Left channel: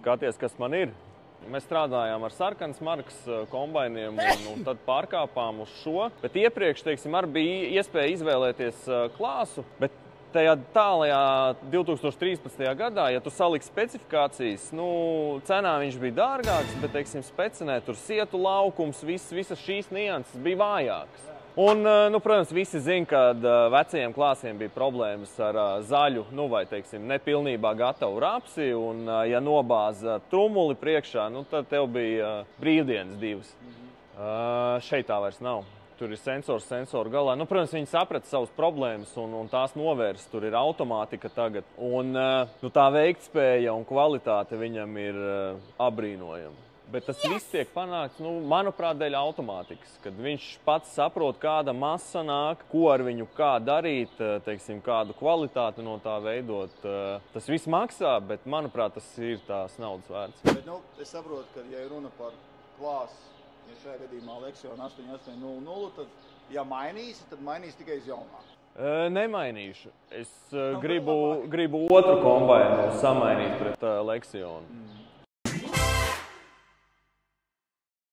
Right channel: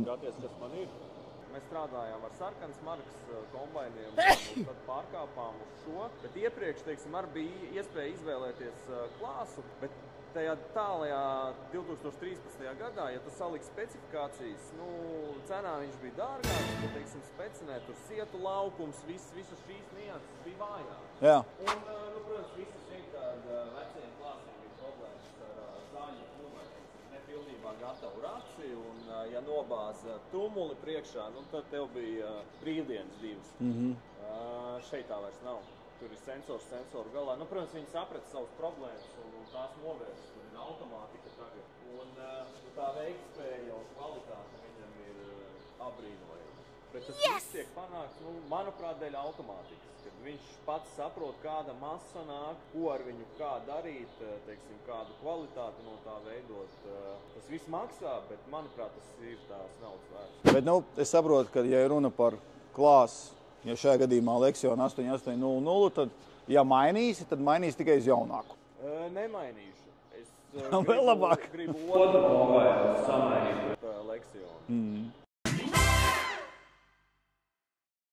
skaties, kas man ir. Mēs strādājām ar sarkanas markas kombainiem un tad pārkāpām uz šo. Bet iepriekš, teiksim, arī bija iespēja izvēlēties klāsu, bet tajā tālajā 2013. gadā, ja tu saliksi specifikācijas, cenā viņš bija dārgāks, bet, teiksim, specinē tur sietu laukums, visas šīs nianses bija vājākas. Jā. Un, protams, visi zina, ka vecajiem klāsiem bija problēmas ar zaļu, vai, teiksim, nepilnībā gatavu rapsi, un, ja nobāza trumuli priekšā, tad tev bija brīvdienas divas. Šeit tā vairs nav. Tur ir sensoru galā. Protams, viņi saprata savas problēmas un tās novērs. Tur ir automātika tagad. Un tā veiktspēja un kvalitāte viņam ir abrīnojama. Bet tas viss tiek panākts, manuprāt, dēļ automātikas. Kad viņš pats saprot, kāda masa nāk, ko ar viņu kā darīt, teiksim, kādu kvalitāti no tā veidot. Tas viss maksā, bet, manuprāt, tas ir tās naudas vērts. Bet, es saprotu, ka, ja runa par klāsu, ja šajā gadījumā Lexion 8800, tad, ja mainīsi, tad mainīsi tikai uz jaunāku. Nemainīšu. Es gribu otru kombainu samainīt pret Lexionu.